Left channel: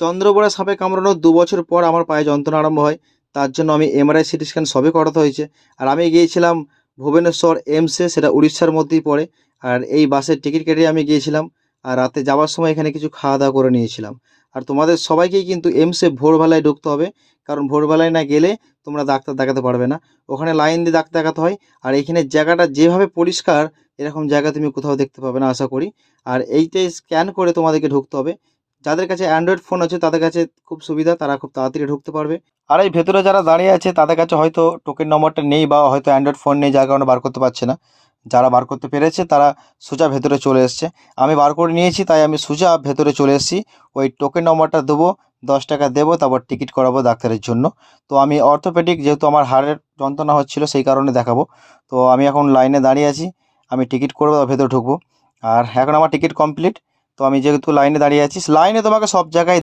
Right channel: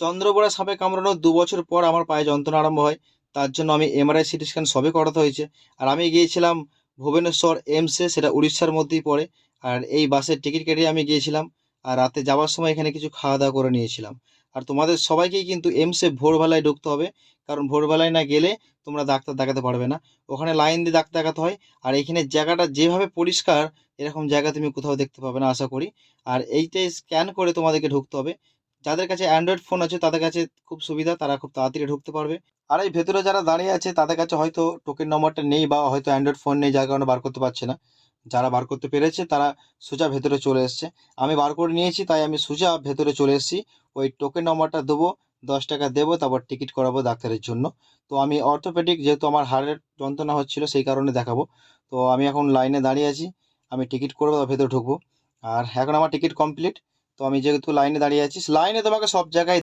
চন্দ্রবোড়া সাপে কামড়ানোর ২ বছর পর আমার পায়ে যন্ত্রণা আরম্ভ হয়। তার জন্য আমি এমআরআই, সিটি স্ক্যান সবই করাতে হয়েছে। আর আমি গিয়েছিলাম ভুবনেশ্বর এইমসে, সেটা উড়িষ্যার মধ্যেই পড়ে। আর এই বাসের টিকিট কেটে আমি গিয়েছিলাম। আর রাতে যাওয়ার সময় এখানে কিছু খাওয়া দাওয়া করে নিয়েছিলাম। আর তোমাদের সবাইকেই কিন্তু এইমসে ভোরবেলায় ঢুকতে হবে, কারণ ভোরবেলায় না গেলে তোমরা ডাক্তার দেখাতে পারবে না। ওখানে লাইন দিয়ে ডাক্তার দেখাতে হয়। আর এইখানে জায়গাটা যেভাবে পরিষ্কার, এরকম জায়গা তুমি কোথাও দেখতে পাবে না আশা করি। আর এইটাই স্ক্যান করে তোমাদেরকে ঢুকতে হবে। যাদের কাছে অ্যান্ড্রয়েড ফোন আছে তাদের কাছে খুব সুবিধা, তারা খুব তাড়াতাড়ি ঢুকতে পারবে। আর এই ভেতরে যারা দাঁড়িয়ে আছে তাদের কাছে হয়তো টোকেন নম্বরটা নেই, বা হয়তো অ্যান্ড্রয়েড ফোন নেই, যার কারণে বার করতে পারছে না। যারা বার করতে পেরেছে তারা সোজা ভেতরে চলে এসছে। আমি বার করে নিয়েছি, তাই আমি সোজা ভেতরে চলে এসেছি। ওই টোকেন নম্বরটা দেবো, 10 টাকা দেবো, তারপর টিকিট করাবো ডাক্তারের জন্য। তো আমি অর্থোপেডিক, যেহেতু আমার হাড়ের যন্ত্রণা হচ্ছিলো সেই কারণে দেখাবো। তো আমি এখন লাইনে দাঁড়িয়ে আছি, আমি টিকিট করবো, ভেতরে ঢুকবো। আর এখন আমার টিকিট কমপ্লিট। তো আমি যেহেতু লাইনে দাঁড়িয়ে আছি, লাইনে তোমাকে সব জায়গায়